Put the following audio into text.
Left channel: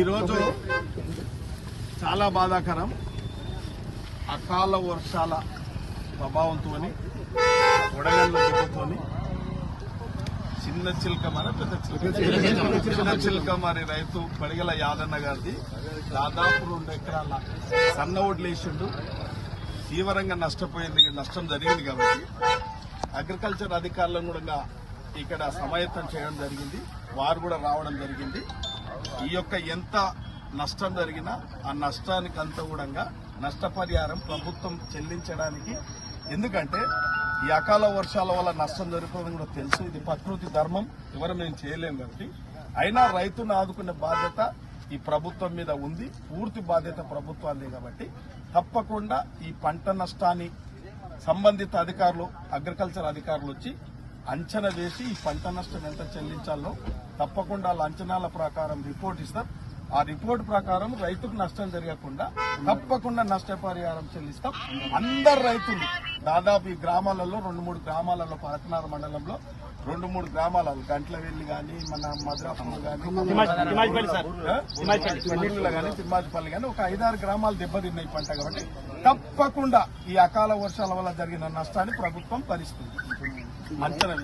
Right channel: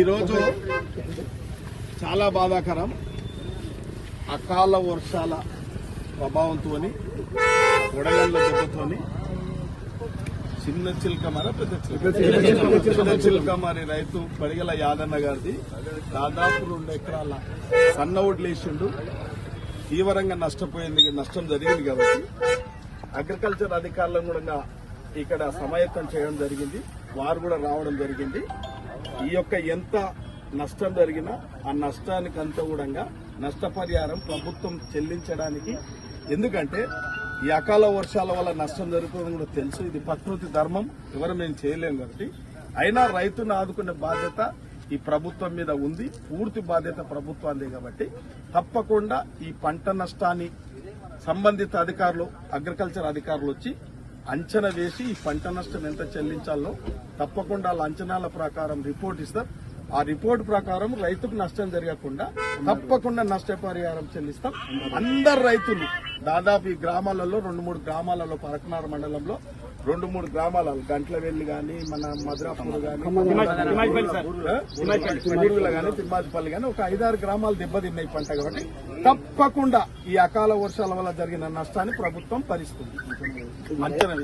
ఈరోజు చాలా బాధాకరం. అకాల వర్షాల ప్రభావంతో వడగళ్ల దెబ్బతోని చిన్న చిల్కమర పెద్ద చిల్కమరి రైతు పడిగల యాదన్న గారిది దాదాపు 2 ఎకరాల సన్న వడ్లేసిండు. తీవ్రంగా నష్టం జరిగింది కాబట్టి అగ్రికల్చర్ అధికారులను కూడా ఇక్కడ సమాయత్తం చేయడం జరిగింది. వారు కూడా రావడం జరిగింది. ఈ యొక్క ఎంత నష్టం జరిగినా ఆ నష్టానికి అంతా కూడా నష్టపరిహారం ప్రభుత్వం చెల్లించడానికి, ఎందుకంటే ఈ అకాల వర్షాల వల్ల నష్టం జరుగుతుందని కూడా తెలుసు. ఇది ప్రకృతి ధర్మం, ఎవరు మేము చేయలేం కాబట్టి. అయినా రైతును ఆదుకునే బాధ్యత ఈ ప్రభుత్వం మీద ఉంది. పూర్తి బాధ్యత ప్రభుత్వాన్ని కాబట్టి తప్పకుండా ఈ పంట నష్టాన్ని సంబంధిత అధికారులు, అగ్రికల్చర్ అధికారులు వచ్చి అంచనా వేసి ఈ పంట నష్టం ఎంత చెల్లించాలో తప్పకుండా వాళ్ళ అంచనాల ప్రకారం రిపోర్ట్ ఇస్తారు. ఆ రిపోర్ట్ ప్రకారం రైతుకు నష్టం జరగకుండా తప్పకుండా నష్టపరిహారం చెల్లిస్తాం. అందరు రైతులు దాదాపు ఈ గ్రామాలలో 2-3 గ్రామాలలో పార్కనార్ మండలంలో 2-3 గ్రామాలలో గంట్లవెల్లి గాని, మన మద్రాపూర్ గాని, తిమ్మాజిపల్లి గాని ఒక 5-6 గ్రామాలు దెబ్బతిన్నాయి పంట కాబట్టి తప్పకుండా ఈ అకాల వర్షాల వల్ల జరిగిన నష్టాన్ని ప్రభుత్వం భరిస్తుంది. అంచనా